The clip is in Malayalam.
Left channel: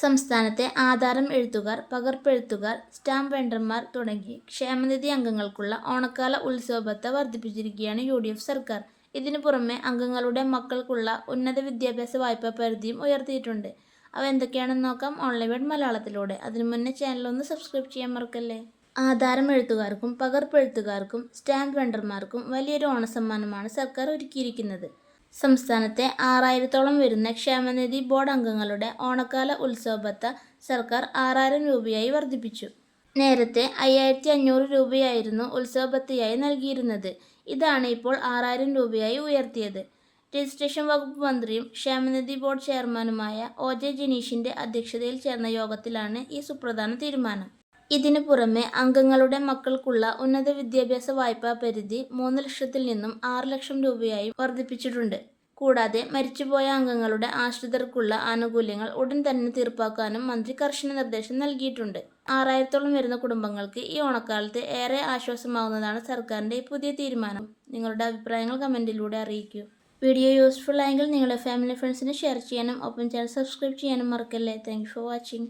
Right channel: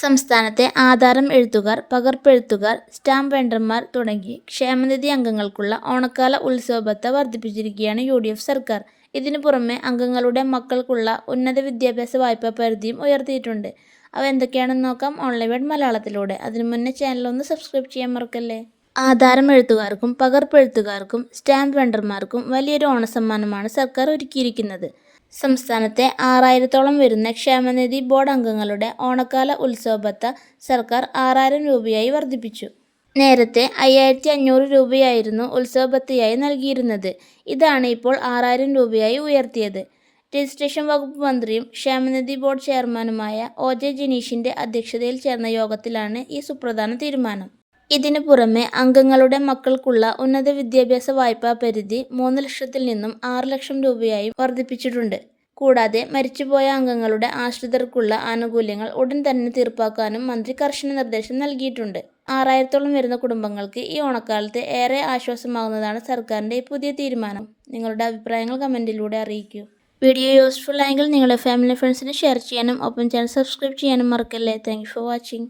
സംസ്ഥാനത്തെ ആധാരം എഴുത്തുകാർ, പകർപ്പെഴുത്തുകാർ, സ്റ്റാമ്പ് വെണ്ടർമാർ തുടങ്ങി ക്ഷേമനിധി അംഗങ്ങൾക്കുള്ള ഓണക്കാല ഉത്സവ ഭത്ത വർദ്ധിപ്പിച്ചിരിക്കുകയാണ് UDF സർക്കാർ. ഇതിനു പുറമെ അംഗങ്ങളുടെ മക്കൾക്കുള്ള ഉന്നത വിദ്യാഭ്യാസ വായ്പാ പരിധിയും ഉയർത്തിയിട്ടുണ്ട്. അവ എന്തൊക്കെയാണെന്ന് നോക്കാം ഓൺലൈൻ വേഡ് മലയാളത്തിലൂടെ. അതിനു മുന്നേ ചാനൽ ഒന്ന് സബ്സ്ക്രൈബ് ചെയ്യാൻ മറക്കല്ലേ. ആധാരം എഴുത്തുകാർക്കും പകർപ്പെഴുത്തുകാർക്കും സ്റ്റാമ്പ് വെണ്ടർമാർക്കും വലിയൊരു ഓണസമ്മാനമാണ് സർക്കാർ ഒരുക്കിയിരിക്കുന്നത്. സംസ്ഥാനത്തെ 6000-ഓളം വരുന്ന ക്ഷേമനിധി ബോർഡ് അംഗങ്ങളുടെ ഓണക്കാല ഉത്സവ ഭത്ത സർക്കാർ 6000 രൂപയായി വർദ്ധിപ്പിച്ചു. നേരത്തെ 5500 രൂപയായിരുന്നു ഉത്സവ ഭത്തയായി നൽകിയിരുന്നത്. ഇതാണ് ഇപ്പോൾ 6000 രൂപയായി ഉയർത്തിയത്. രജിസ്ട്രേഷൻ വകുപ്പ് മന്ത്രിയും ക്ഷേമനിധി ബോർഡ് ചെയർമാനുമായ OJ ജിനീഷിന്റെ അധ്യക്ഷതയിൽ ചേർന്ന യോഗത്തിലാണ് ഈ സുപ്രധാന തീരുമാനം. ഇതിനു പുറമെ അംഗങ്ങളുടെ മക്കൾക്കുള്ള ഉന്നത വിദ്യാഭ്യാസ വായ്പാ പരിധി 3 ലക്ഷത്തിൽ നിന്നും 6 ലക്ഷം രൂപയായും വർദ്ധിപ്പിച്ചിട്ടുണ്ട്. കൂടാതെ മരിച്ചുപോയ അംഗങ്ങളുടെ ആശ്രിതർക്കുള്ള ആനുകൂല്യങ്ങൾ ഉടൻ തന്നെ തീർപ്പാക്കാനും മന്ത്രി കർശന നിർദ്ദേശം നൽകിയിട്ടുണ്ട്. 6000-ഓളം വരുന്ന കുടുംബങ്ങൾക്ക് ഈ ഓണക്കാലത്ത് ഏറെ ആശ്വാസമാകുന്നതാണ് സർക്കാരിന്റെ ഈ പുതിയ തീരുമാനം. നിങ്ങളുടെ അഭിപ്രായങ്ങൾ കമന്റിലൂടെ അറിയിക്കൂ. വീഡിയോ യൂസ്ഫുൾ ആയെങ്കിൽ നിങ്ങളുടെ ഫാമിലി ഫ്രണ്ട്സിന് ഷെയർ ചെയ്യാനും ഒപ്പം ചാനൽ സബ്സ്ക്രൈബ് ചെയ്യാനും മറക്കല്ലേ. Thank you for watching.